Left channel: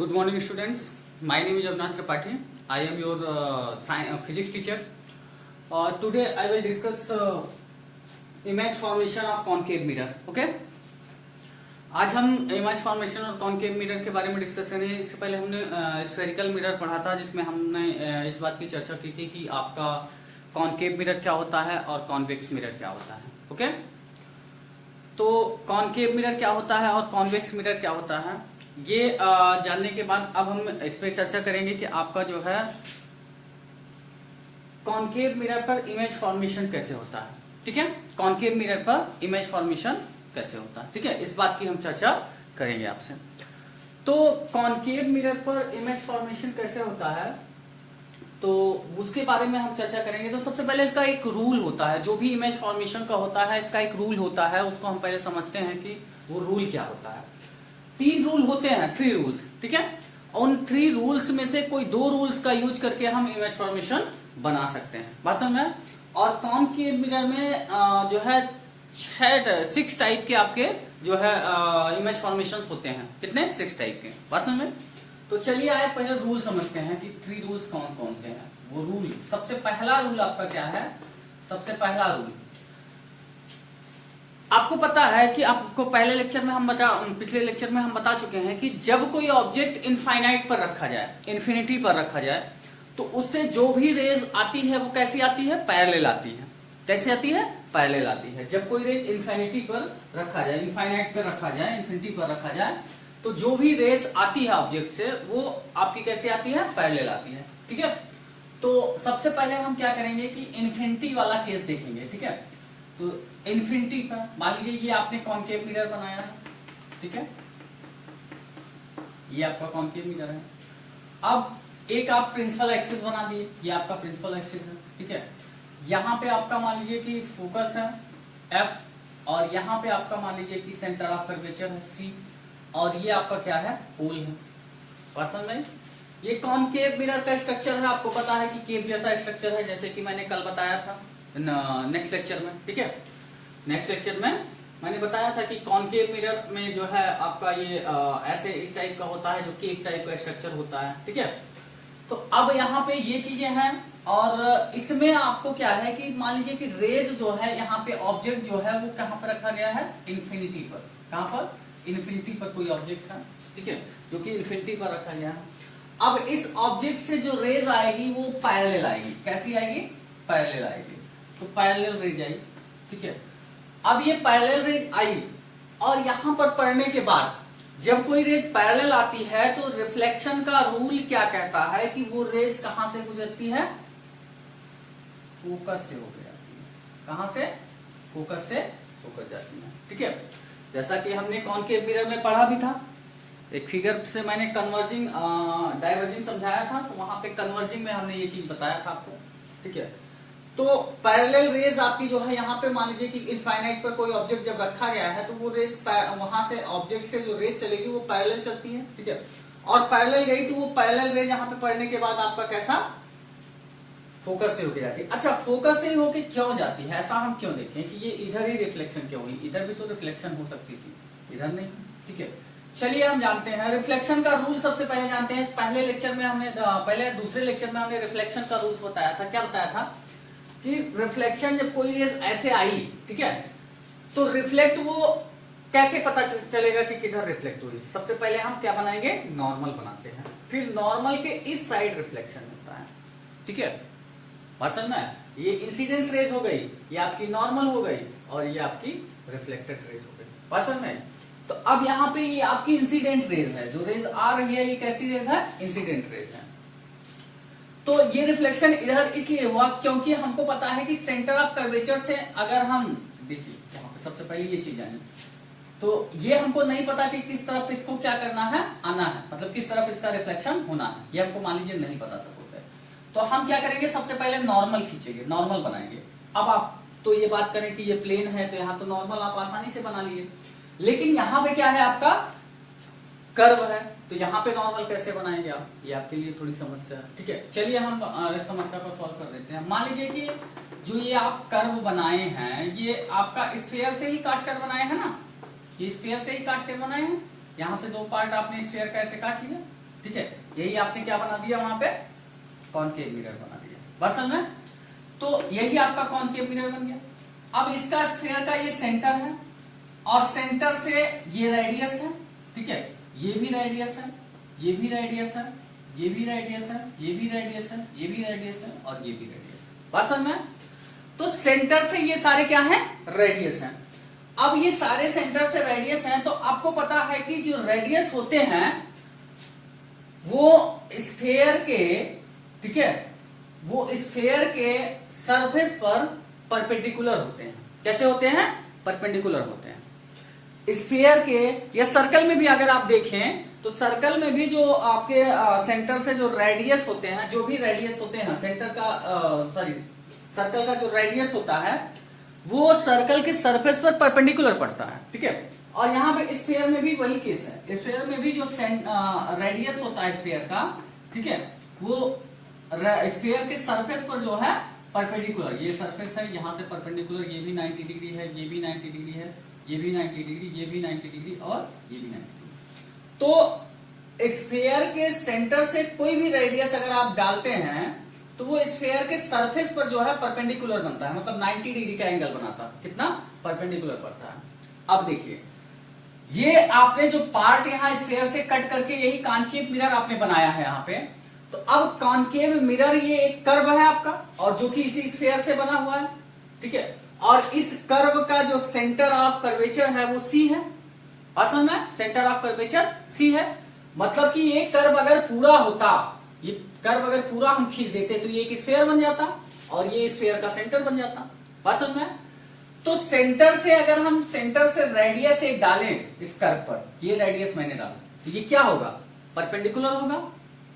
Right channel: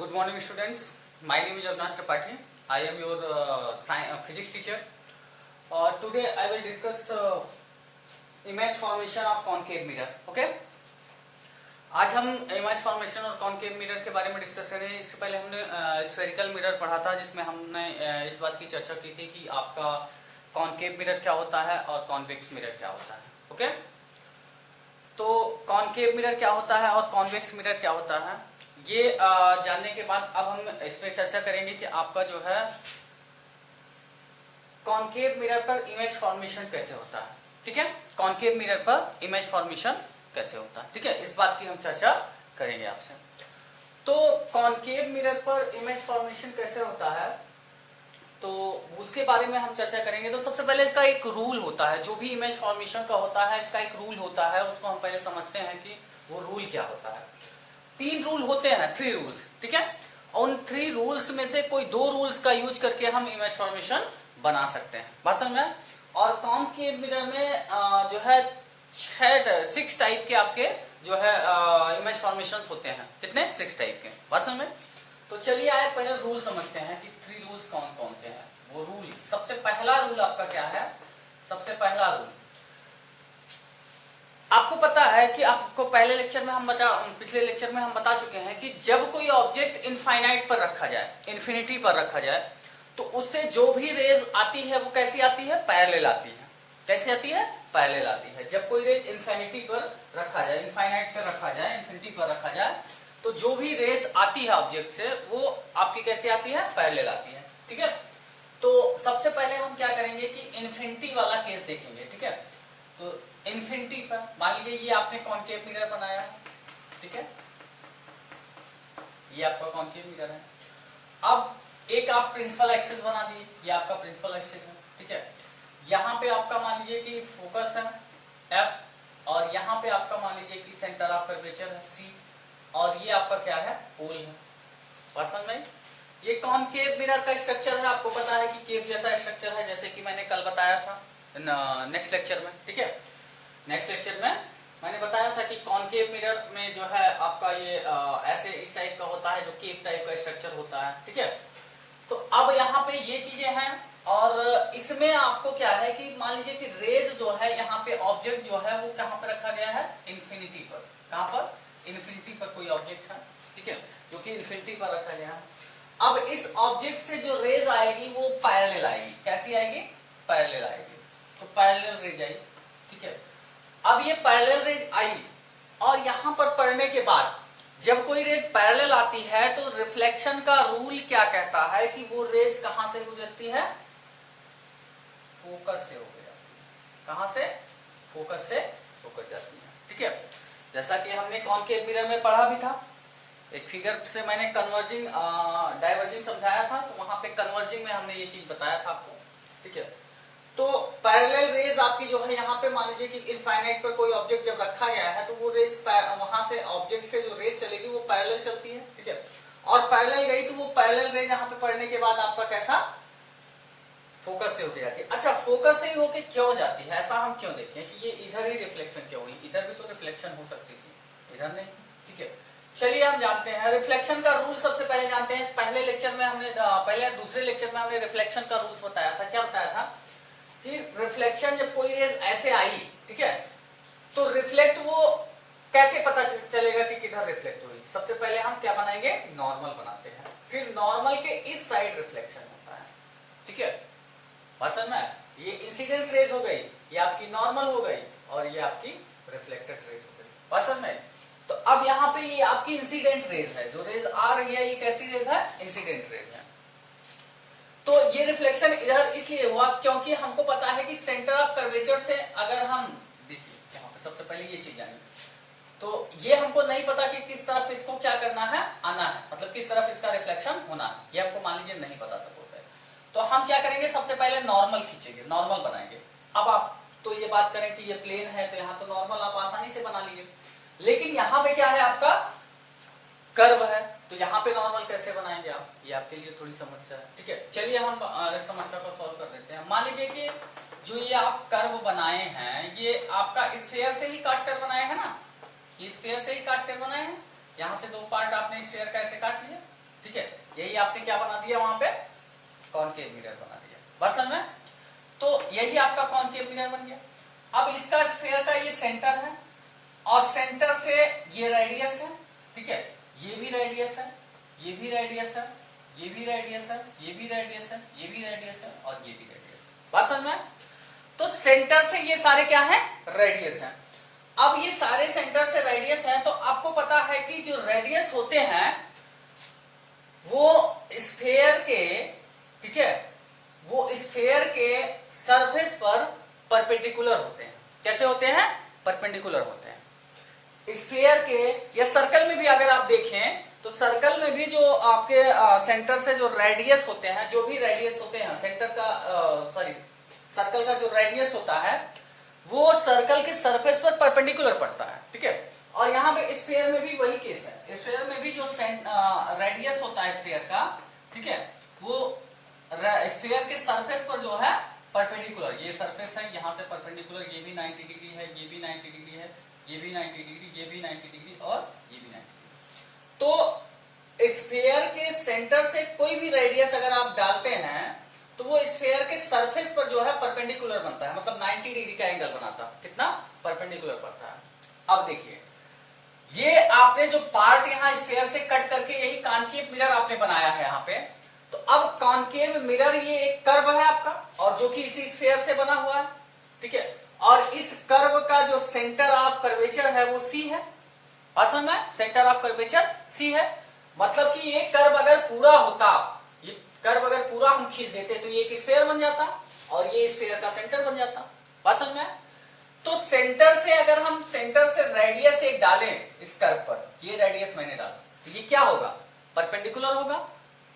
Good morning, students. My name is Avinash Tripathi. I am your physics teacher. Today I will discuss image formation of concave mirror. Okay? आज हम image formation और concave mirror के बारे में discuss करेंगे। इससे पहले हमने स्फेरिकल मिरर पढ़ा था, जिसमें हमने इस बात की चर्चा की थी कि आपका कॉन्केव मिरर क्या होता है और कॉन्वेक्स मिरर क्या होता है। ओके, तो कॉन्केव मिरर क्या होता है और कॉन्वेक्स मिरर क्या होता है, ये जानने के बाद अब हम इस पर चर्चा करेंगे कि आपका जो है कॉन्केव मिरर पर इमेज फॉर्मेशन कैसे होता है। ठीक है, कॉन्केव मिरर पर इमेज फॉर्मेशन कैसे होता है। ठीक है, इस बात की हम चर्चा करेंगे आपसे। तो कॉन्केव मिरर पर इमेज फॉर्मेशन कैसे होता है, तो उसके बारे में हम चर्चा करेंगे। तो सबसे पहले इसका एक रूल होता है, जो भी इमेज फॉर्मेशन का होता है इसका एक रूल होता है, उसको हम पहले समझते हैं कि वो रूल क्या होता है। 3 रूल होते हैं, 3 रूल्स। ठीक है, उन 3 रूल्स में से कोई 2 रूल्स का यूज करके हम इमेज फॉर्मेशन बना सकते हैं। बात समझ में। और कॉन्केव मिरर में जो है 6 टाइप के आपके जो है इमेज फॉर्मेशन होते हैं। कितने? 6 टाइप के। बात समझ में। तो चलिए आए पहले रूल समझते हैं कि 3 रूल्स कौन कौन से हैं। वो रूल, सबसे पहला रूल आपका क्या है? सबसे पहला रूल आपको पता है कि आपको पिछले लेक्चर में हम बता चुके हैं कि जब कोई ऑब्जेक्ट इनफाइनाइट पर रखा जाए, इन्फिनिटी पर रखा जाए, तो उससे जो भी रेज आती है वो कैसी आती है? पैरेलल आती है। कैसी आती है? पैरेलल आती है। जब कोई रेज इन्फिनिटी पर रखा जाए, इनफाइनाइट पर रखा जाए, इन्फिनिटी पर रखा जाए, तो जो भी रेज आती है ऑब्जेक्ट से वो आपकी कैसी आती है? पैरेलल आती है। ठीक है, तो सबसे पहले हम क्या करेंगे कि इन्फिनिटी वाला केस देखेंगे। ठीक है, तो इन्फिनिटी पर मान लीजिए ये आपने कॉन्केव मिरर बनाया है। ठीक है, ये आपका कॉन्केव मिरर है। अब एक आप प्रिंसिपल एक्सिस बना दिए, ये आपका प्रिंसिपल एक्सिस है। ठीक है, यहाँ पे आपका मान लीजिए कि फोकस है F, और यहाँ पे आपका मान लीजिए कि सेंटर ऑफ कर्वेचर है C, और ये आपका क्या है? पोल है। पर्सन में ये कॉन्केव मिरर का स्ट्रक्चर है। आपको पता है कि केव जैसा स्ट्रक्चर है, जैसे कि मैंने कल बताया था नेक्स्ट लेक्चर में। ठीक है, नेक्स्ट लेक्चर में मैंने बताया था कि कॉन्केव मिरर में जो है आपका ये ऐसे इस टाइप का होता है, जो केव टाइप का स्ट्रक्चर होता है। ठीक है, तो अब यहाँ पे ये चीजें हैं, और इसमें आपको क्या है कि मान लीजिए कि रेज जो है यहाँ पे ऑब्जेक्ट जो है वो कहाँ पर रखा गया है? इन्फिनिटी पर। कहाँ पर? इन्फिनिटी पर कोई ऑब्जेक्ट है। ठीक है, जो कि इन्फिनिटी पर रखा गया है। अब इस ऑब्जेक्ट से जो रेज आएगी वो पैरेलल आएगी। कैसी आएगी? पैरेलल आएगी। तो पैरेलल रेज आई। ठीक है, अब ये पैरेलल रेज आई, और यहां पर पढ़ने के बाद जब कोई रेज पैरेलल आती है तो रिफ्लेक्शन का रूल क्या कहता है कि वो रेज कहां से गुजरती है? फोकस से होकर जाती है। कहां से? फोकस से होकर जाती है। ठीक है, जैसा कि हमने कॉन्केव मिरर में पढ़ा भी था, एक फिगर से मैंने कन्वर्जिंग डाइवर्जिंग समझाया था, तो वहां पे कन्वर्जिंग में हमने ये चीज बताया था आपको। ठीक है, तो पैरेलल रेज आपकी जो है यहाँ पे मान लीजिए कि इनफाइनाइट पर कोई ऑब्जेक्ट जब रखा गया है, तो वो रेज वहां से ऑब्जेक्ट से जो रेज चलेगी वो पैरेलल चलती है। ठीक है, और पैरेलल गई तो वो पैरेलल रेज यहाँ पे पढ़ने के बाद आपका कैसा? फोकस से होकर जाती है। अच्छा, फोकस से ही होकर क्यों जाती है? ऐसा हम क्यों देखें कि ये इधर ही रिफ्लेक्शन क्यों हुई? इधर भी तो रिफ्लेक्शन हो सकती थी, इधर नहीं। ठीक है, चलिए हम जानते हैं रिफ्लेक्शन का रूल। सबसे पहले जानते हैं, पहले लेक्चर में हमने दूसरे लेक्चर में हमने रिफ्लेक्शन का रूल्स बताया था। क्या बताया था कि रिफ्लेक्शन जब कोई रेज ऐसे आई, ठीक है, तो रिफ्लेक्ट वो कैसे पता चलेगा कि किधर रिफ्लेक्ट हुई? सबसे पहले हम क्या बनाएंगे? नॉर्मल बनाते हैं। फिर नॉर्मल के इस साइड रिफ्लेक्शन होता है। ठीक है, बात समझ में? ये इंसिडेंस रेज हो गई, ये आपकी नॉर्मल हो गई, और ये आपकी रिफ्लेक्टेड रेज हो गई। बात समझ में? तो अब यहाँ पे ये आपकी इंसिडेंट रेज है, जो रेज आ रही है ये कैसी रेज है? इंसिडेंट रेज है। तो ये रिफ्लेक्शन इधर इसलिए हुआ क्योंकि हमको पता है कि सेंटर ऑफ कर्वेचर से अगर हम देखिए, सबसे पहले ये चीज आनी, तो ये हमको नहीं पता कि किस तरफ इसको क्या करना है? आना है, मतलब किस तरफ इसका रिफ्लेक्शन होना है, ये हमको मान लीजिए नहीं पता सपोज है। तो हम क्या करेंगे? सबसे पहले नॉर्मल खींचेंगे, नॉर्मल बनाएंगे। अब आप तो ये बात करें कि ये प्लेन है, तो यहाँ तो नॉर्मल आप आसानी से बना लीजिए, लेकिन यहाँ पे क्या है? आपका कर्व है, तो यहाँ पे नॉर्मल कैसे बनाएंगे आप? ये आपके लिए थोड़ी समस्या है। ठीक है, चलिए हम समस्या को सॉल्व कर देते हैं। मान लीजिए कि जो ये आप कर्व बनाए हैं, ये आपका स्फीयर से ही काट कर बनाए हैं ना? ये स्फीयर से ही काट कर बनाए हैं। यहाँ से 2 पार्ट आपने स्फीयर का ऐसे काट लिया। ठीक है, यही आपने क्या बना दिया वहां पे, कॉनकेव मिरर बना दिया। बात समझ में? तो यही आपका कॉनकेव मिरर बन गया। अब इसका स्फीयर का ये सेंटर है और सेंटर से ये रेडियस है, ठीक है, ये भी रेडियस है, ये भी रेडियस है, ये भी रेडियस है, ये भी रेडियस है, ये भी रेडियस है और ये भी रेडियस है। बात समझ में? तो सेंटर से ये सारे क्या है, रेडियस है। अब ये सारे सेंटर से रेडियस है, तो आपको पता है कि जो रेडियस होते हैं वो स्फीयर के, ठीक है, वो स्फीयर के सरफेस पर परपेंडिकुलर होते हैं। कैसे होते हैं? परपेंडिकुलर होते हैं। स्फीयर के या सर्कल में भी अगर आप देखें तो सर्कल में भी जो आपके सेंटर से जो रेडियस होते हैं, जो भी रेडियस होते हैं सेंटर का, सॉरी सर्कल का जो रेडियस होता है वो सर्कल के सरफेस पर परपेंडिकुलर पड़ता है, ठीक है। और यहाँ पे स्फीयर में भी वही केस है। स्फीयर में भी जो रेडियस होता है स्फीयर का, ठीक है, वो स्फीयर के सरफेस पर जो है परपेंडिकुलर, ये सरफेस है यहाँ से परपेंडिकुलर, ये भी 90 डिग्री है, ये भी 90 डिग्री है, ये भी 90 डिग्री, ये भी 90 डिग्री और ये भी 90 डिग्री। तो स्फीयर के सेंटर से कोई भी रेडियस अगर आप डालते हैं तो वो स्फीयर के सरफेस पर जो है परपेंडिकुलर बनता है, मतलब 90 डिग्री का एंगल बनाता है। कितना? परपेंडिकुलर पड़ता है। अब देखिए, ये आपने जो पार्ट यहाँ स्फीयर से कट करके यही कॉनकेव मिरर आपने बनाया है यहाँ पे। तो अब कॉनकेव मिरर ये एक कर्व है आपका, और जो कि इसी स्फीयर से बना हुआ है, ठीक है। और इस कर्व का जो सेंटर ऑफ कर्वेचर है वो सी है। और समझ में? सेंटर ऑफ कर्वेचर सी है, मतलब कि ये कर्व अगर पूरा होता, ये कर्व अगर पूरा हम खींच देते तो ये एक स्फीयर बन जाता और ये स्फीयर का सेंटर बन जाता। बात समझ में? तो सेंटर से अगर हम सेंटर से रेडियस एक डालें इस कर्व पर, ये रेडियस मैंने डाला, तो ये क्या होगा? परपेंडिकुलर होगा।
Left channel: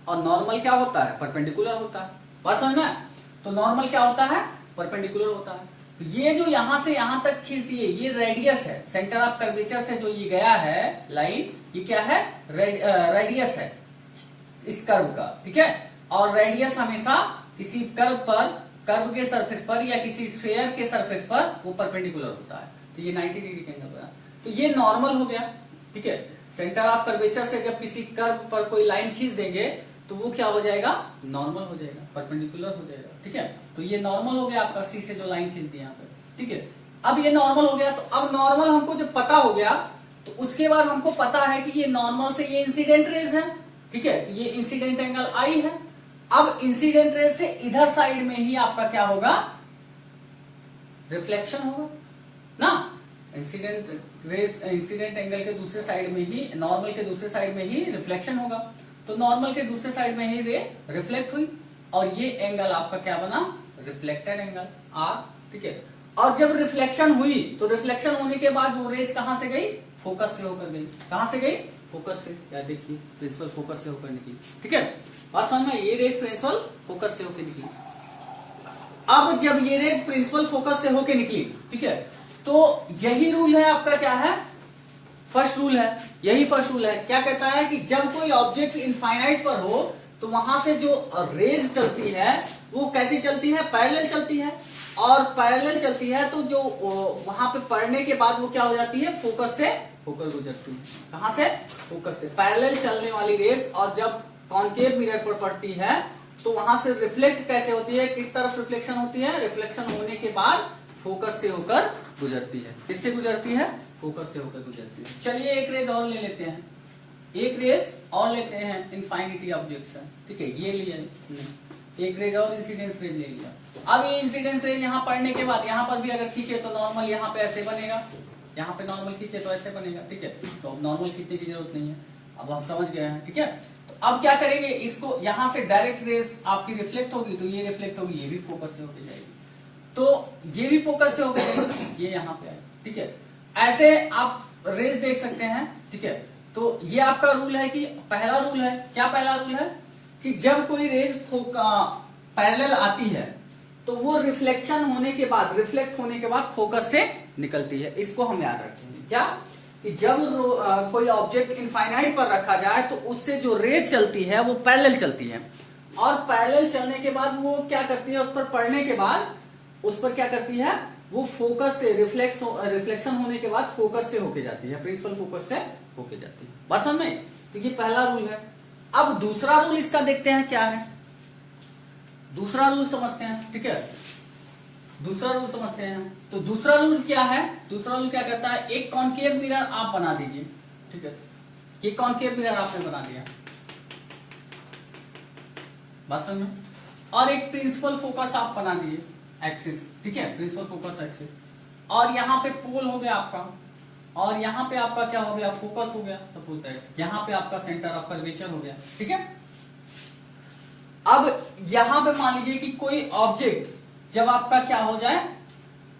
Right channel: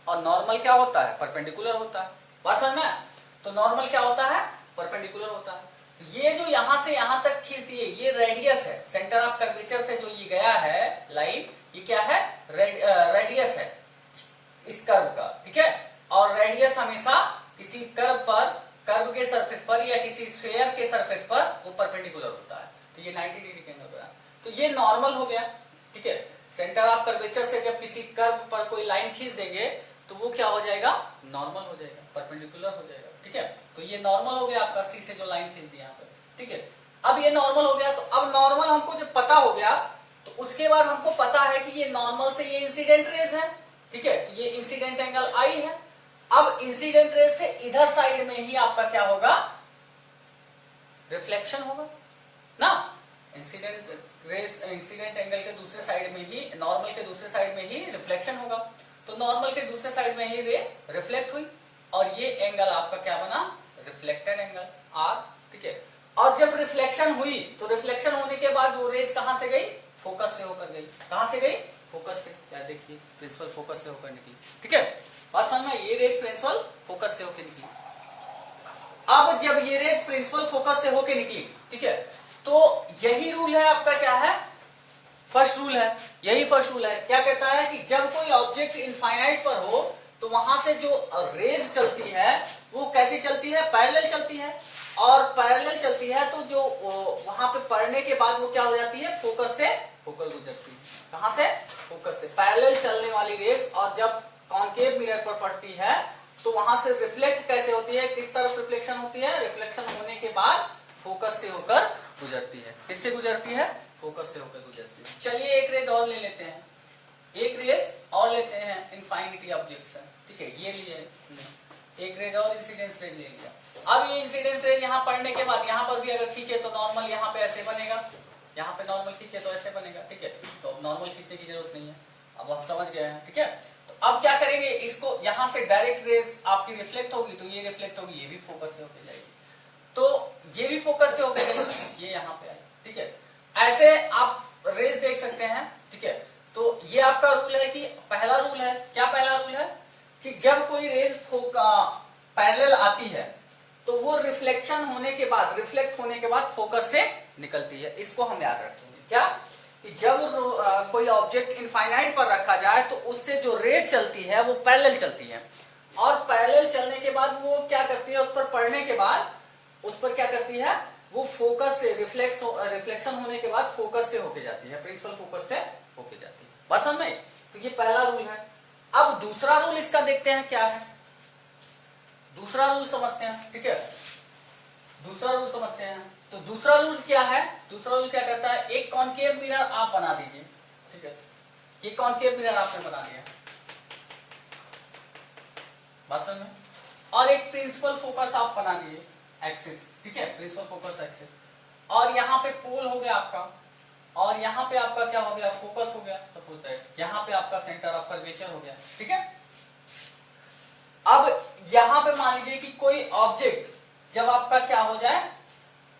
और नॉर्मल क्या होता है? परपेंडिकुलर होता है। बात समझ में? तो नॉर्मल क्या होता है? परपेंडिकुलर होता है। तो ये जो यहां से यहां तक खींच दिए, ये रेडियस है, सेंटर ऑफ कर्वेचर से जो ये गया है लाइन, ये क्या है? रेडियस है इस कर्व का, ठीक है। और रेडियस हमेशा किसी कर्व पर, कर्व के सरफेस पर या किसी स्फीयर के सरफेस पर वो परपेंडिकुलर होता है। तो ये 90 डिग्री के एंगल बना, तो ये नॉर्मल हो गया, ठीक है। सेंटर ऑफ कर्वेचर से जब किसी कर्व पर कोई लाइन खींच देंगे तो वो क्या हो जाएगा? नॉर्मल हो जाएगा, परपेंडिकुलर हो जाएगा, ठीक है। तो ये नॉर्मल हो गया आपका, सी से जो लाइन खींच दी यहाँ पर, ठीक है। अब ये नॉर्मल हो गया, तो अब नॉर्मल हमको जब पता हो गया तो उसके बाद हमको पता है कि ये नॉर्मल से ये इंसिडेंट रेज है, ठीक है। तो ये इंसिडेंट एंगल आई है। अब इंसिडेंट रेज से इधर साइड में ही आपका क्या होगा? रिफ्लेक्शन होगा ना। इंसिडेंट एंगल के दूसरे साइड में ही, नॉर्मल के दूसरे साइड में ही रिफ्लेक्शन होगा। तो नॉर्मल के दूसरे साइड में ही रे रिफ्लेक्ट हुई और ये एंगल आपका क्या बना? रिफ्लेक्टेड एंगल आर, ठीक है। और जब रिफ्लेक्शन हुई तो रिफ्लेक्शन होने के बाद वो रेज कहां से गई? फोकस से होकर गई। कहां से गई? फोकस से। क्या देखिए, प्रिंसिपल फोकस से होकर निकली, ठीक है। बात समझ में? ये रेज प्रिंसिपल फोकस से होकर निकली। अब जब ये रेज प्रिंसिपल फोकस से होकर निकली, ठीक है, तो यही रूल है आपका, क्या है? फर्स्ट रूल है। यही फर्स्ट रूल है। क्या कहता है कि जब कोई ऑब्जेक्ट इनफाइनाइट पर हो तो वहां से जो रेज चलती है वो कैसी चलती है? पैरेलल चलती है। और पैरेलल चलती है तो जो वहां पे पड़ने के बाद वो क्या हो जाती है? फोकस से होकर गुजरती है। कहां से? फोकस से। पैरेलल चलने वाली रेज और जब कॉनकेव मिरर पर पड़ती है तो वहां से रिफ्लेक्ट कैसे होती है? किस तरफ रिफ्लेक्शन होती है? रिफ्लेक्शन होने के बाद फोकस से होकर गुजरती है। किससे गुजरती है? फोकस से होकर गुजरती है। चलिए एक रेज और ले लेते हैं, एक रेज और लेते हैं। इनफाइनिटी ऑब्जेक्ट्स है, ठीक है, ये लिए एक रेज और इंसिडेंस रेज ले लिया। अब ये इंसिडेंस रेज यहाँ पड़ने के बाद यहाँ पर भी अगर खींचे तो नॉर्मल यहाँ पे ऐसे बनेगा, यहाँ पे नॉर्मल खींचे तो ऐसे बनेगा, ठीक है। तो अब नॉर्मल खींचने की जरूरत नहीं है, अब हम समझ गए हैं, ठीक है। तो अब क्या करेंगे? इसको यहाँ से डायरेक्ट रेज आपकी रिफ्लेक्ट होगी तो ये रिफ्लेक्ट होगी, ये भी फोकस से होकर जाएगी, तो ये भी फोकस से होकर जाएगी, ये यहाँ पे आएगी, ठीक है। ऐसे आप रेज देख सकते हैं, ठीक है। तो ये आपका रूल है कि पहला रूल है, क्या पहला रूल है? कि जब कोई रेज पैरेलल आती है तो वो रिफ्लेक्शन होने के बाद, रिफ्लेक्ट होने के बाद फोकस से निकलती है। इसको हम याद रखेंगे, क्या? कि जब कोई ऑब्जेक्ट इनफाइनाइट पर रखा जाए तो उससे जो रेज चलती है वो पैरेलल चलती है, और पैरेलल चलने के बाद वो क्या करती है? उस पर पड़ने के बाद उस पर क्या करती है? वो फोकस से रिफ्लेक्शन होने के बाद फोकस से होके जाती है, प्रिंसिपल फोकस से होके जाती है। बात समझ में? तो ये पहला रूल है। अब दूसरा रूल इसका देखते हैं क्या है, दूसरा रूल समझते हैं। ठीक है, दूसरा रूल समझते हैं। तो दूसरा रूल क्या है, दूसरा रूल क्या कहता है, एक कॉनकेव मिरर आप बना दीजिए। ठीक है, ये कॉनकेव मिरर आपने बना दिया, बात समझ में, और एक प्रिंसिपल फोकस आप बना दिए एक्सिस। ठीक है, प्रिंसिपल फोकस एक्सिस, और यहाँ पे पोल हो गया आपका, और यहाँ पे आपका क्या हो गया, फोकस हो गया सपोज दैट, यहाँ पे आपका सेंटर ऑफ कर्वेचर हो गया। ठीक है, अब यहां पे मान लीजिए कि कोई ऑब्जेक्ट जब आपका क्या हो जाए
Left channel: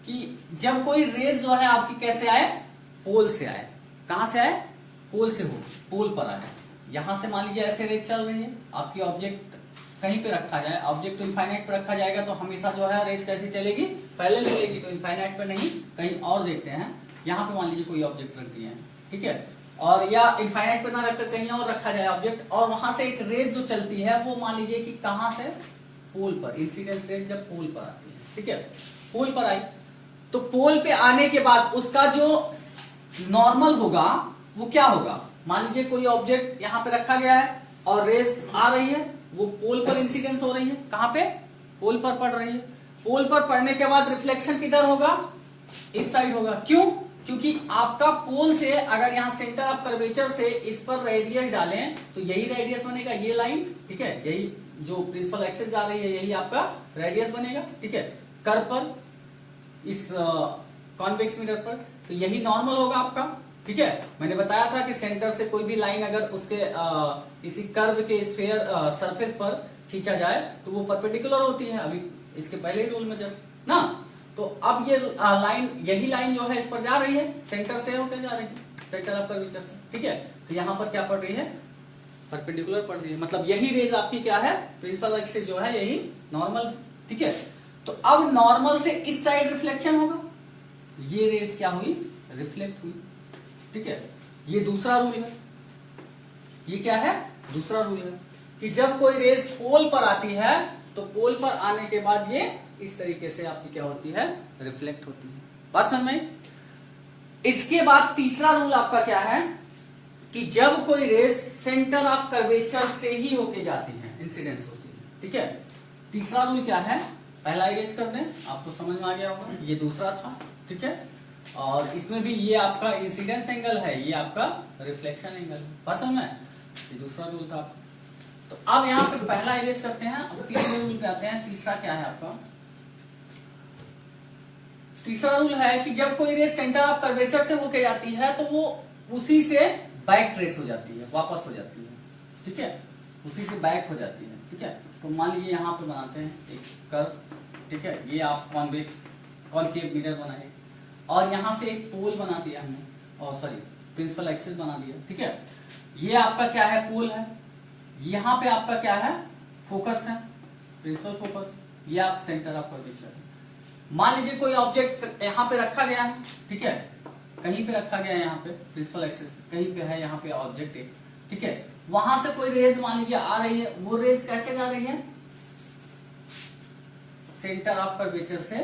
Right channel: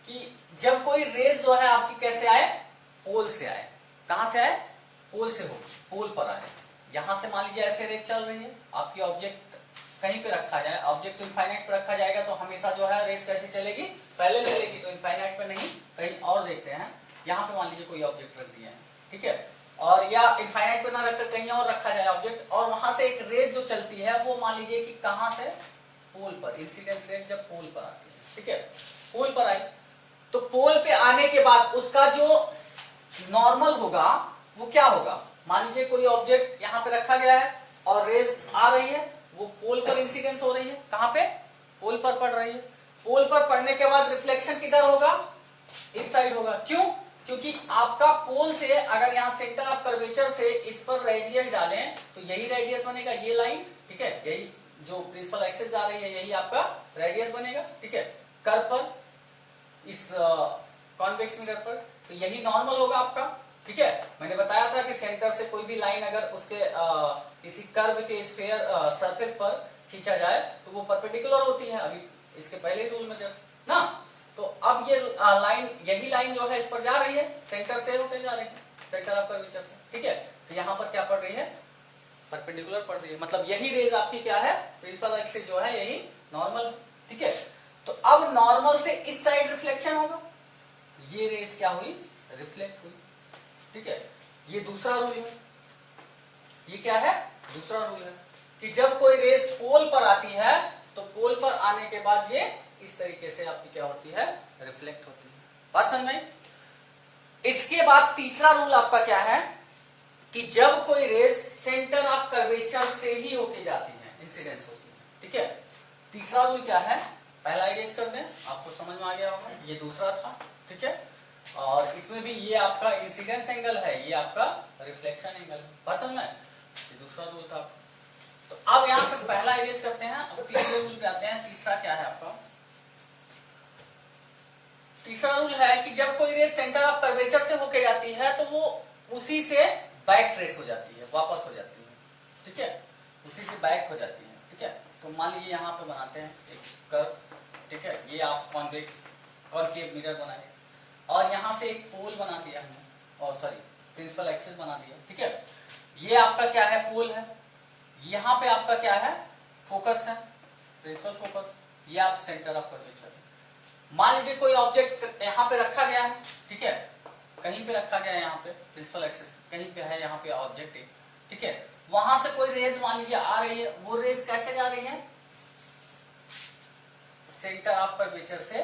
कि जब कोई रेज जो है आपकी कैसे आए, पोल से आए। कहां से आए, पोल से हो, पोल पर आए। यहां से मान लीजिए ऐसे रेज चल रही है आपकी, ऑब्जेक्ट कहीं पे रखा जाए, ऑब्जेक्ट तो इनफाइनाइट पे रखा जाएगा तो हमेशा जो है रेज कैसी चलेगी, पहले चलेगी, तो इनफाइनाइट पे नहीं, कहीं और देखते हैं। यहाँ पे मान लीजिए कोई ऑब्जेक्ट रख दिया है, ठीक है, और या इनफाइनाइट पे ना रखकर कहीं और रखा जाए ऑब्जेक्ट, और वहां से एक रेज जो चलती है वो मान लीजिए कि कहां से, पोल पर, इंसिडेंस रेज जब पोल पर आती है। ठीक है, पोल पर आई तो पोल पे आने के बाद उसका जो नॉर्मल होगा वो क्या होगा, मान लीजिए कोई ऑब्जेक्ट यहाँ पे रखा गया है और रेज आ रही है, वो पोल पर इंसिडेंस हो रही है, कहां पे, पोल पर पड़ रही है। पोल पर पड़ने के बाद रिफ्लेक्शन किधर होगा, इस साइड होगा। क्यों, क्योंकि आपका पोल से अगर यहाँ सेंटर ऑफ कर्वेचर से इस पर रेडियस डालें तो यही रेडियस बनेगा, ये लाइन। ठीक है, यही जो प्रिंसिपल एक्सिस जा रही है यही आपका रेडियस बनेगा। ठीक है, कर्व पर, इस कॉन्वेक्स मिरर पर, तो यही नॉर्मल होगा आपका। ठीक है, मैंने बताया था कि सेंटर से कोई भी लाइन अगर उसके इसी कर्व के स्फीयर सरफेस पर खींचा जाए तो वो परपेंडिकुलर होती है, अभी इसके पहले ही रूल में जस्ट ना। तो अब ये लाइन, यही लाइन जो है इस पर जा रही है, सेंटर से होकर जा रही है, सेंटर ऑफ कर्वेचर से। ठीक है, तो यहाँ पर क्या पड़ रही है, परपेंडिकुलर पड़ रही है, मतलब यही रेज आपकी क्या है, प्रिंसिपल एक्सिस जो है यही नॉर्मल। ठीक है, तो अब नॉर्मल से इस साइड रिफ्लेक्शन होगा, ये रेज क्या हुई, रिफ्लेक्ट हुई। ठीक है, ये दूसरा रूल है, ये क्या है, दूसरा रूल है कि जब कोई रेज पोल पर आती है तो पोल पर आने के बाद ये इस तरीके से आपकी क्या होती है, रिफ्लेक्ट होती है। बात समझ में। इसके बाद तीसरा रूल आपका क्या है कि जब कोई रेज सेंटर ऑफ कर्वेचर से ही होके जाती है, इंसिडेंस होती है। ठीक है, तीसरा रूल क्या है, पहला इरेज कर दें, आपको समझ में आ गया होगा, ये दूसरा था। ठीक है, और इसमें भी ये आपका इंसिडेंस एंगल है, ये आपका रिफ्लेक्शन एंगल है। बात समझ में, ये दूसरा रूल था। तो अब यहाँ पे पहला इरेज करते हैं, अब तीसरे रूल पे आते हैं। तीसरा क्या है आपका, तीसरा रूल है कि जब कोई रेज सेंटर ऑफ कर्वेचर से होके जाती है तो वो उसी से बैक ट्रेस हो जाती है, वापस हो जाती है। ठीक है, उसी से बैक हो जाती है। ठीक है, तो मान लीजिए यहाँ पे बनाते हैं एक कर्व। ठीक है, ये आप कॉनकेव मिरर बनाए और यहां से एक पोल बना दिया हमने, और सॉरी प्रिंसिपल एक्सिस बना दिया। ठीक है, ये आपका क्या है, पोल है, यहाँ पे आपका क्या है, फोकस है, प्रिंसिपल फोकस, ये आप सेंटर ऑफ कर्वेचर है। मान लीजिए कोई ऑब्जेक्ट यहाँ पे रखा गया है, ठीक है, कहीं पे रखा गया है, यहाँ पे प्रिंसिपल एक्सिस कहीं पे है, यहाँ पे ऑब्जेक्ट है। ठीक है, वहां से कोई रेज मान लीजिए आ रही है, वो रेज कैसे जा रही है, सेंटर ऑफ कर्वेचर से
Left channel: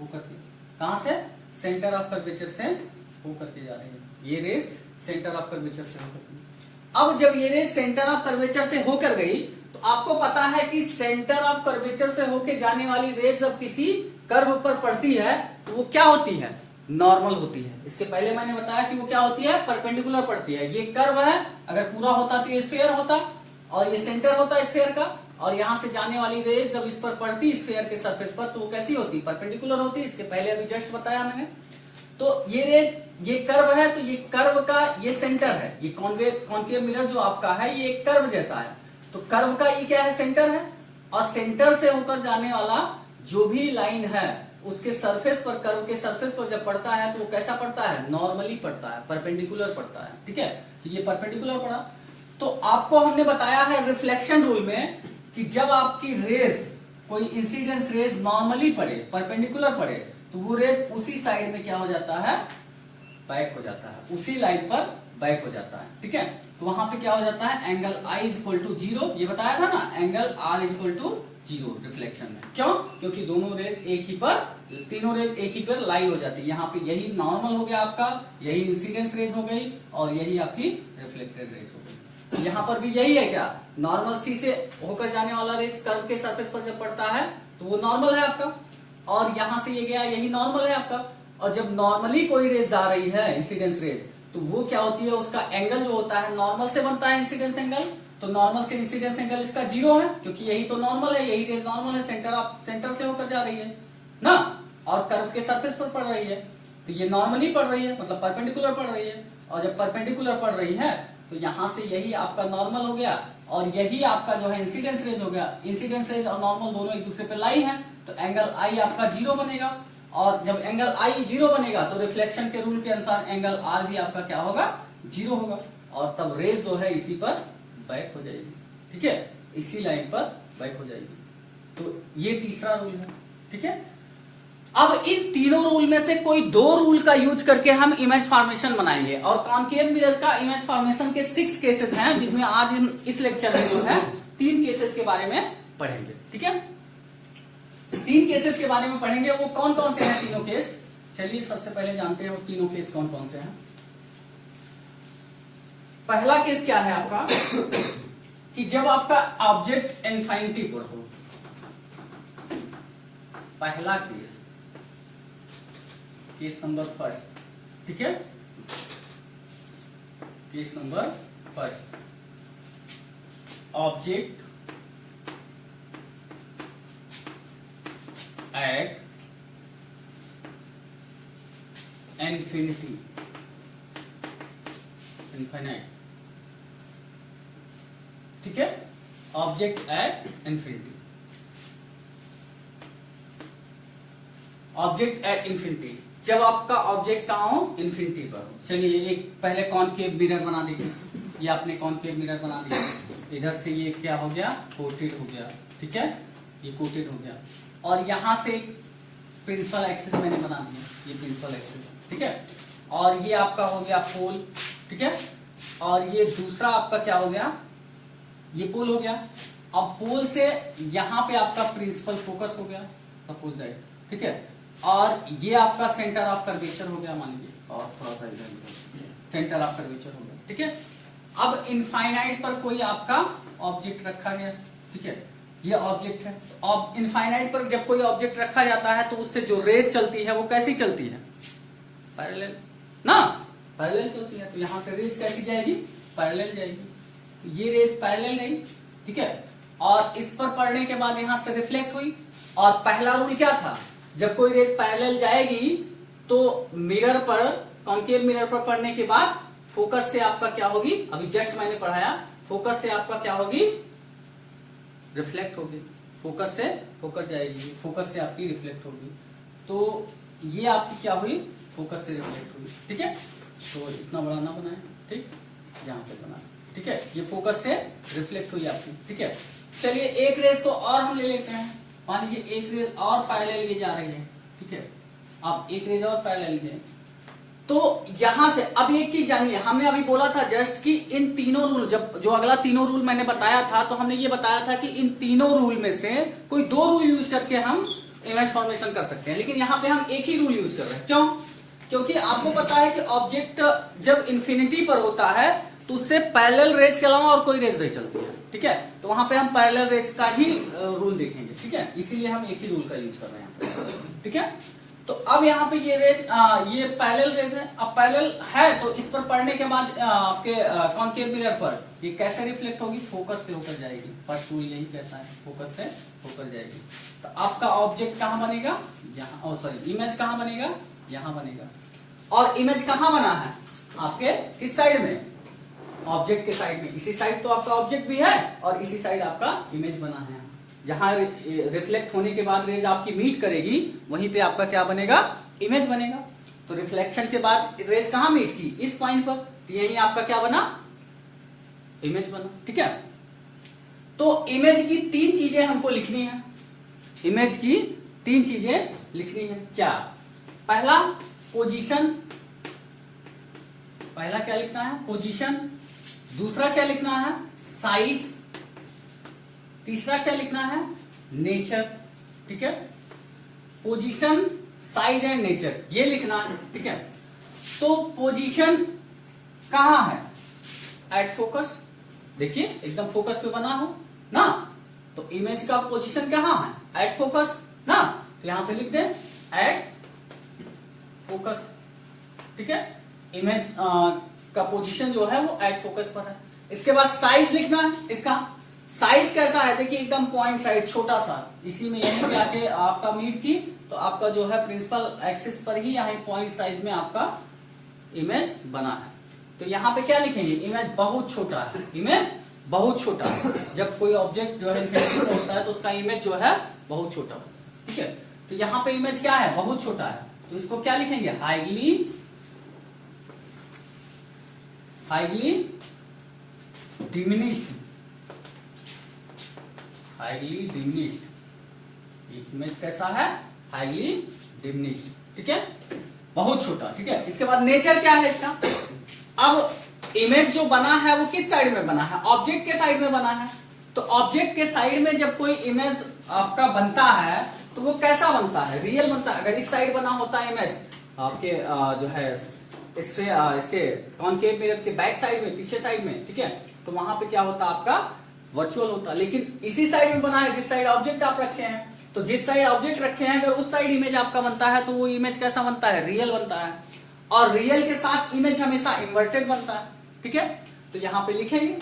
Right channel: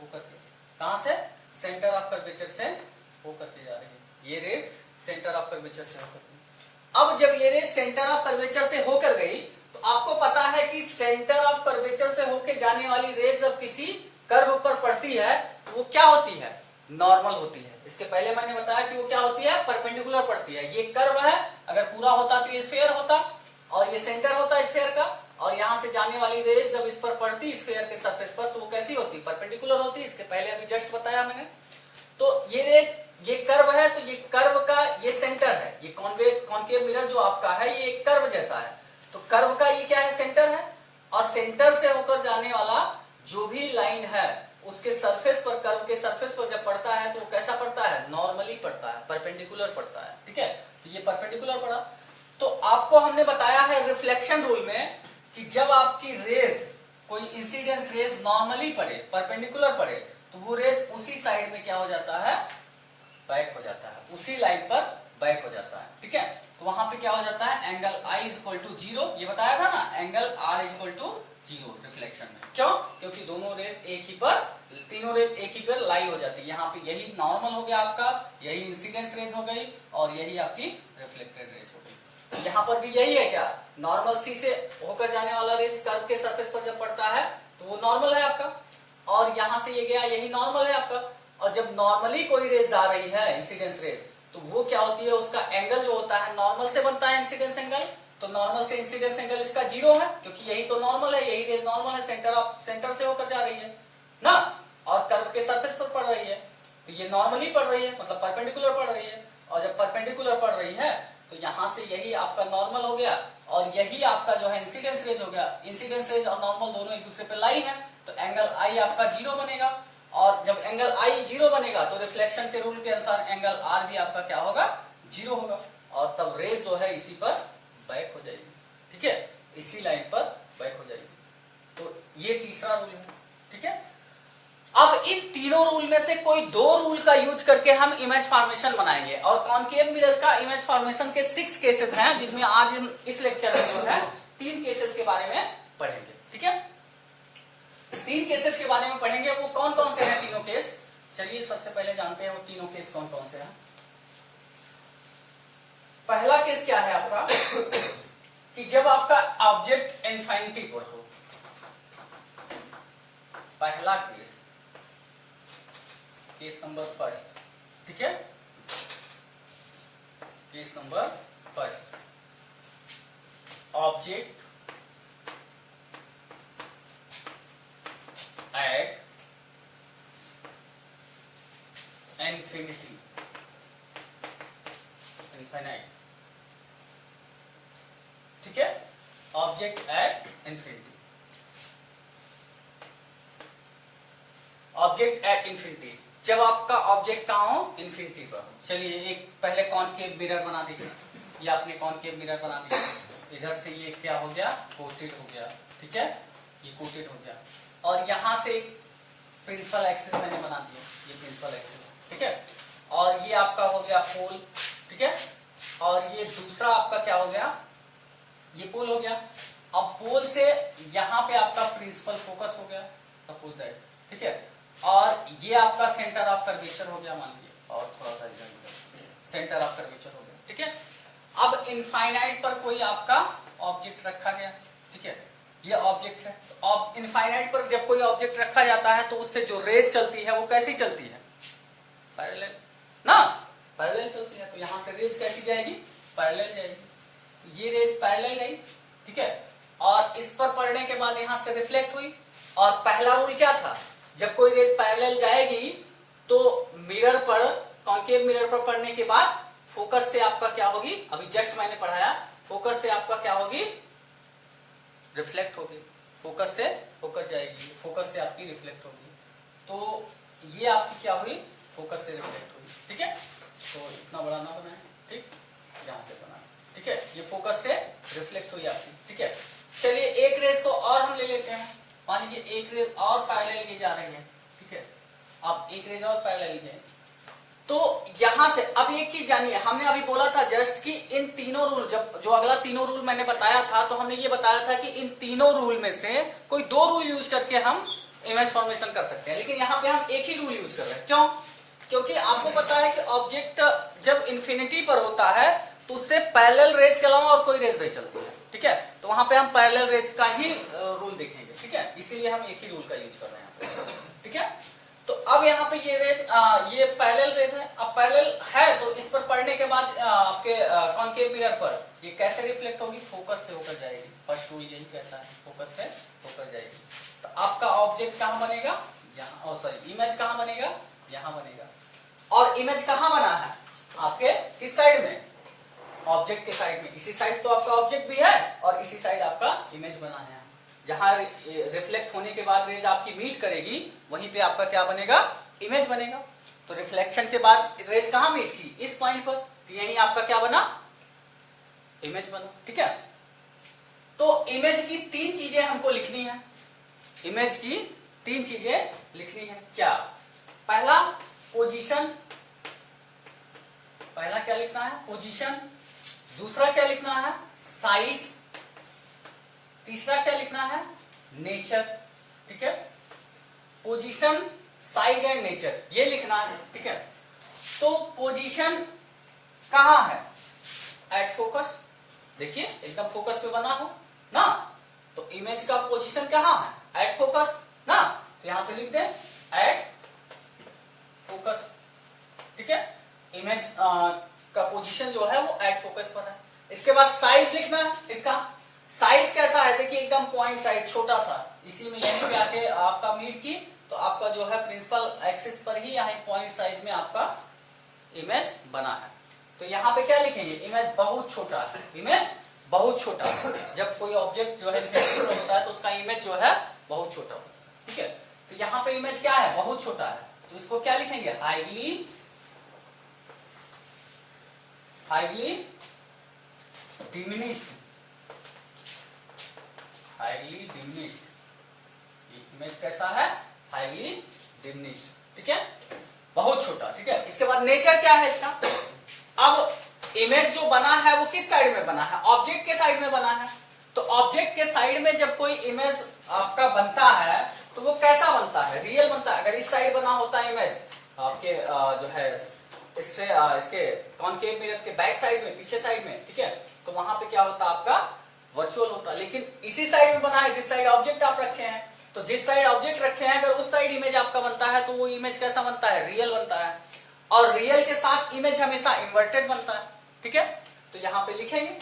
होकर के, कहां से, सेंटर ऑफ कर्वेचर से होकर के जा रही है, ये रेज सेंटर ऑफ कर्वेचर से होकर के। अब जब ये रेज सेंटर ऑफ कर्वेचर से होकर गई तो आपको पता है कि सेंटर ऑफ कर्वेचर से होकर जाने वाली रेज जब किसी कर्व पर पड़ती है तो वो क्या होती है, नॉर्मल होती है। इसके पहले मैंने बताया कि वो क्या होती है, परपेंडिकुलर पड़ती है। ये कर्व है, अगर पूरा होता तो ये स्फीयर होता, और ये सेंटर होता स्फीयर का, और यहां से जाने वाली रेज जब इस पर पड़ती स्फीयर के सरफेस पर तो वो कैसी होती, परपेंडिकुलर होती। इसके पहले अभी जस्ट बताया मैंने। तो ये रेज, ये कर्व है, तो ये कर्व का ये सेंटर है, ये कॉनकेव मिरर जो आपका है ये एक कर्व जैसा है, तो कर्व का ये क्या है, सेंटर है, और सेंटर से होकर जाने वाला जो भी लाइन है उसके सरफेस पर, कर्व के सरफेस पर जब पड़ता है तो वो कैसा पड़ता है, नॉर्मली पड़ता है, परपेंडिकुलर पड़ता है। ठीक है, तो ये परपेंडिकुलर पड़ा। तो आपको हमने बताया है रिफ्लेक्शन रूल में कि जब आपकी रेज, कोई इंसिडेंस रेज नॉर्मली पड़े, परपेंडिकुलर पड़े, तो वो रेज उसी साइड में क्या हो जाता है, बैक हो जाता है, उसी लाइन पर बैक हो जाता है। ठीक है, तो वहां पे क्या हो जाता है, angle i is equal to 0, ये बताया था ना, angle r is equal to 0 reflection में। क्यों, क्योंकि दोनों रेज एक ही पर, तीनों रेज एक ही पर लाई हो जाती है। यहाँ पे यही नॉर्मल हो गया आपका, यही इंसिडेंस रेज हो गई, और यही आपकी रिफ्लेक्टेड रेज हो गई। तो यहाँ पर भी यही है क्या, नॉर्मल सी से होकर जाने वाला रेज कर्व के सरफेस पर जब पड़ता है तो वो नॉर्मल है आपका, और यहाँ से ये गया यही नॉर्मल है आपका। और जब नॉर्मली कोई रेज जा रही है इंसिडेंस रेज, तो वो क्या होती है, उसका एंगल जो होता है नॉर्मल से बनता है इंसिडेंस एंगल, तो नॉर्मल से इंसिडेंस एंगल इसका 0 है, क्योंकि यही तो नॉर्मल है, यही रेज नॉर्मल है, सेंटर से होकर जा रही है ना, और कर्व के सरफेस पर पड़ रही है, तो ये नॉर्मली पड़ रही है, मतलब परपेंडिकुलर पड़ रही है। और जब परपेंडिकुलर पड़ रही है तो यहां से यही आपका नॉर्मल हो गया, और यही आपका जो है इंसिडेंस रेज हो गया। इंसिडेंस रेज और नॉर्मल दोनों एक दूसरे पे लाई है, तो एंगल आई आपका 0 बनेगा, और जब एंगल आई 0 बनेगा तो रिफ्लेक्शन के रूल के अनुसार एंगल आर भी आपका क्या होगा, 0 होगा, और तब रेज जो है इसी पर बैक हो जाएगी, ठीक है, इसी लाइन पर बैक हो जाएगी। तो ये तीसरा रूल है, ठीक है। अब इन तीनों रूल में से कोई 2 रूल का यूज करके हम इमेज फॉर्मेशन बनाएंगे, और कॉनकेव मिरर का इमेज फॉर्मेशन के 6 केसेस हैं, जिसमें आज हम इस लेक्चर में जो है 3 केसेस के बारे में पढ़ेंगे, ठीक है। 3 केसेस के बारे में पढ़ेंगे, वो कौन कौन से हैं तीनों केस। चलिए सबसे पहले जानते हैं वो तीनों केस कौन कौन से हैं। पहला केस क्या है आपका कि जब आपका ऑब्जेक्ट इनफिनिटी पर हो, पहला केस नंबर फर्स्ट, ठीक है, case number first, object at infinity, infinite, ठीक है, object at infinity, object at infinity, जब आपका ऑब्जेक्ट कहां हो, इनफिनिटी पर। चलिए एक पहले कॉनकेव मिरर बना दीजिए, ये आपने कॉनकेव मिरर बना दिया, इधर से ये क्या हो गया, कोटेड हो गया, ठीक है, ये कोटेड हो गया, और यहां से प्रिंसिपल एक्सिस मैंने बना दिया, ये प्रिंसिपल एक्सिस, ठीक है, और ये आपका हो गया पोल, ठीक है, और ये दूसरा आपका क्या हो गया, ये पोल हो गया। अब पोल से यहां पे आपका प्रिंसिपल फोकस हो गया, सपोज दैट, ठीक है, और ये आपका सेंटर ऑफ कर्वेचर हो गया मान लीजिए, और थोड़ा सा इधर सेंटर ऑफ कर्वेचर हो गया, ठीक है। अब इनफाइनाइट पर कोई आपका ऑब्जेक्ट रखा गया, ठीक है, ये ऑब्जेक्ट है, तो अब इनफाइनाइट पर जब कोई ऑब्जेक्ट रखा जाता है तो उससे जो रेज चलती है वो कैसी चलती है, पैरेलल ना, पैरेलल चलती है, तो यहां से रेज कैसी जाएगी, पैरेलल जाएगी, तो ये रेज पैरेलल गई, ठीक है, और इस पर पड़ने के बाद यहां से रिफ्लेक्ट हुई। और पहला रूल क्या था, जब कोई रेज पैरेलल जाएगी तो मिरर पर, कॉनकेव मिरर पर पड़ने के बाद फोकस से आपका क्या होगी, अभी जस्ट मैंने पढ़ाया, फोकस से आपका क्या होगी, रिफ्लेक्ट होगी, फोकस से होकर जाएगी, फोकस से आपकी रिफ्लेक्ट होगी, तो ये आपकी क्या हुई, फोकस से रिफ्लेक्ट हुई, ठीक है। तो इतना बड़ा ना बनाए, ठीक, यहां पे बनाए, ठीक है, ये फोकस से रिफ्लेक्ट हुई आपकी, ठीक है। चलिए एक रेज को और हम ले लेते हैं, मान लीजिए एक रेज और पैरेलल ये जा रही है, ठीक है, अब एक रेज और पैरेलल है, तो यहां से अब एक चीज जानिए, हमने अभी बोला था जस्ट कि इन तीनों रूल, जब जो अगला तीनों रूल मैंने बताया था, तो हमने ये बताया था कि इन तीनों रूल में से कोई 2 रूल यूज करके हम इमेज फॉर्मेशन कर सकते हैं, लेकिन यहाँ पे हम एक ही रूल यूज कर रहे हैं, क्यों, क्योंकि आपको पता है कि ऑब्जेक्ट जब इन्फिनिटी पर होता है तो उससे पैरेलल रेज के अलावा और कोई रेज नहीं चलती है, ठीक है, तो वहां पे हम पैरेलल रेज का ही रूल देखेंगे, ठीक है, इसीलिए हम एक ही रूल का यूज कर रहे हैं, ठीक है। तो अब यहाँ पे ये रेज, ये पैरेलल रेज है, अब पैरेलल है तो इस पर पढ़ने के बाद आपके कॉनकेव मिरर पर ये कैसे रिफ्लेक्ट होगी, फोकस से होकर जाएगी, फर्स्ट रूल यही कहता है, फोकस से होकर जाएगी, तो आपका ऑब्जेक्ट कहाँ बनेगा, यहाँ, सॉरी इमेज कहाँ बनेगा, यहाँ बनेगा, और इमेज कहाँ बना है, आपके किस साइड में, ऑब्जेक्ट के साइड में, इसी साइड तो आपका ऑब्जेक्ट भी है और इसी साइड आपका इमेज बना है, जहां रिफ्लेक्ट होने के बाद रेज आपकी मीट करेगी वहीं पे आपका क्या बनेगा, इमेज बनेगा। तो रिफ्लेक्शन के बाद रेज कहां मीट की, इस पॉइंट पर, तो यही आपका क्या बना, इमेज बना, ठीक है। तो इमेज की 3 चीजें हमको लिखनी है, इमेज की 3 चीजें लिखनी है, क्या, पहला पोजीशन, पहला क्या लिखना है, पोजीशन, दूसरा क्या लिखना है, साइज, तीसरा क्या लिखना है, नेचर, ठीक है, पोजीशन, साइज एंड नेचर, ये लिखना है, ठीक है। तो पोजीशन कहां है, एट फोकस, देखिए एकदम फोकस पे बना हो ना, तो इमेज का पोजीशन कहाँ है, एट फोकस ना, तो यहां पे लिख दें एट फोकस। ठीक है, इमेज का पोजीशन जो है वो एट फोकस पर है। इसके बाद साइज लिखना है, इसका साइज कैसा है, देखिए एकदम पॉइंट साइज छोटा सा, इसी में यहीं जाके आपका मीट की, तो आपका जो है प्रिंसिपल एक्सिस पर ही यहाँ पॉइंट साइज में आपका इमेज बना है। तो यहाँ पे क्या लिखेंगे, इमेज बहुत छोटा है, इमेज बहुत छोटा है। जब कोई ऑब्जेक्ट जो है होता है तो उसका इमेज जो है बहुत छोटा होता है। ठीक है, तो यहाँ पे इमेज क्या है, बहुत छोटा है, तो इसको क्या लिखेंगे, highly diminished, highly diminished. Image कैसा है, हाईली डिमिनिश्ड। ठीक है, बहुत छोटा। ठीक है, इसके बाद नेचर क्या है इसका, अब इमेज जो बना है वो किस साइड में बना है, ऑब्जेक्ट के साइड में बना है। तो ऑब्जेक्ट के साइड में जब कोई इमेज आपका बनता है तो वो कैसा बनता है, रियल बनता है। अगर इस साइड बना होता है इमेज आपके जो है इसके कॉनकेव मिरर के बैक साइड में, पीछे साइड में, ठीक है, तो वहां पे क्या होता है, आपका वर्चुअल होता है। लेकिन इसी साइड में बना है जिस साइड ऑब्जेक्ट आप रखे हैं, तो जिस साइड ऑब्जेक्ट रखे हैं अगर उस साइड इमेज आपका बनता है तो वो इमेज कैसा बनता है, रियल बनता है। और रियल के साथ इमेज हमेशा इन्वर्टेड बनता है। ठीक है, तो यहां पे लिखेंगे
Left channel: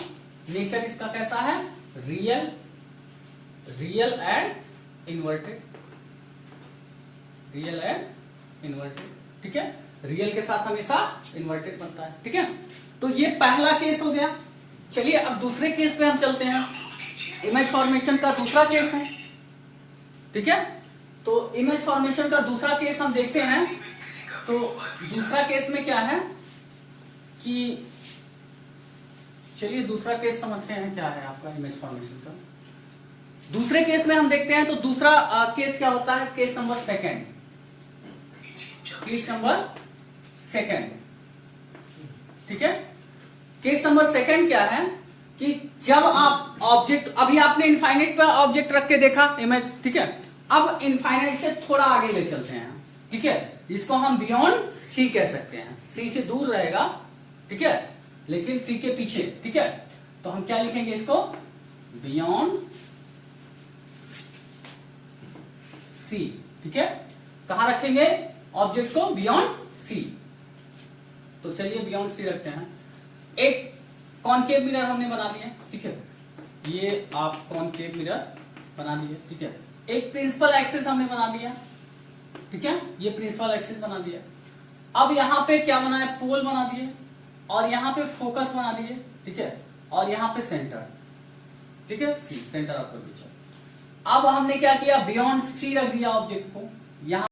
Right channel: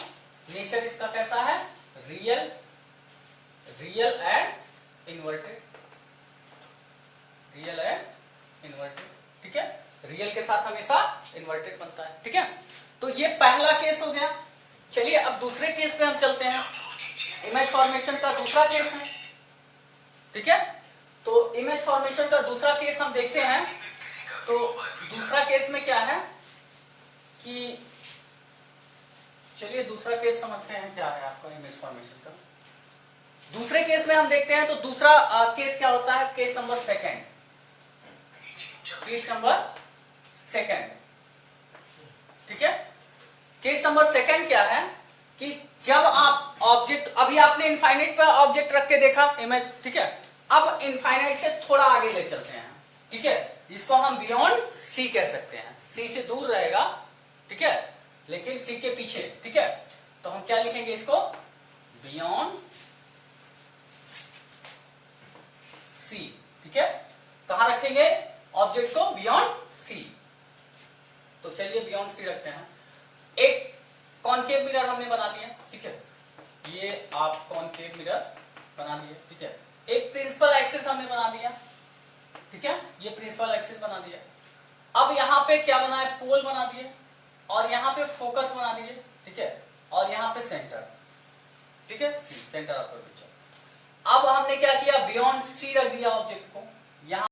नेचर इसका कैसा है, real and inverted, real and inverted. ठीक है, रियल के साथ हमेशा इन्वर्टेड बनता है। ठीक है, तो ये पहला केस हो गया। चलिए अब दूसरे केस पे हम चलते हैं, इमेज फॉर्मेशन का दूसरा केस है। ठीक है, तो इमेज फॉर्मेशन का दूसरा केस हम देखते हैं। तो दूसरा केस में क्या है कि चलिए दूसरा केस समझते हैं क्या है आपका इमेज फॉर्मेशन का। दूसरे केस में हम देखते हैं, तो दूसरा केस क्या होता है, case number second, case number second. ठीक है, केस नंबर सेकेंड क्या है कि जब आप ऑब्जेक्ट, अभी आपने इनफाइनाइट पर ऑब्जेक्ट रख के देखा इमेज, ठीक है, अब इनफाइनाइट से थोड़ा आगे ले चलते हैं। ठीक है, जिसको हम बियॉन्ड सी कह सकते हैं, सी से दूर रहेगा, ठीक है, लेकिन सी के पीछे। ठीक है, तो हम क्या लिखेंगे इसको, बियॉन्ड सी। ठीक है, कहां रखेंगे ऑब्जेक्ट को, बियॉन्ड सी। तो चलिए बियॉन्ड सी रखते हैं। एक कॉनकेव मिरर हमने बना दिया। ठीक है, ये आप कॉनकेव मिरर बना दिए। ठीक है, एक प्रिंसिपल एक्सिस हमने बना दिया। ठीक है, ये प्रिंसिपल एक्सिस बना दिया। अब यहां पे क्या बना है, पोल बना दिए, और यहां पे फोकस बना दिए। ठीक है, और यहां पे सेंटर। ठीक है, सी, सेंटर ऑफ कर्वेचर। अब हमने क्या किया, बियॉन्ड सी रख दिया ऑब्जेक्ट को। यहां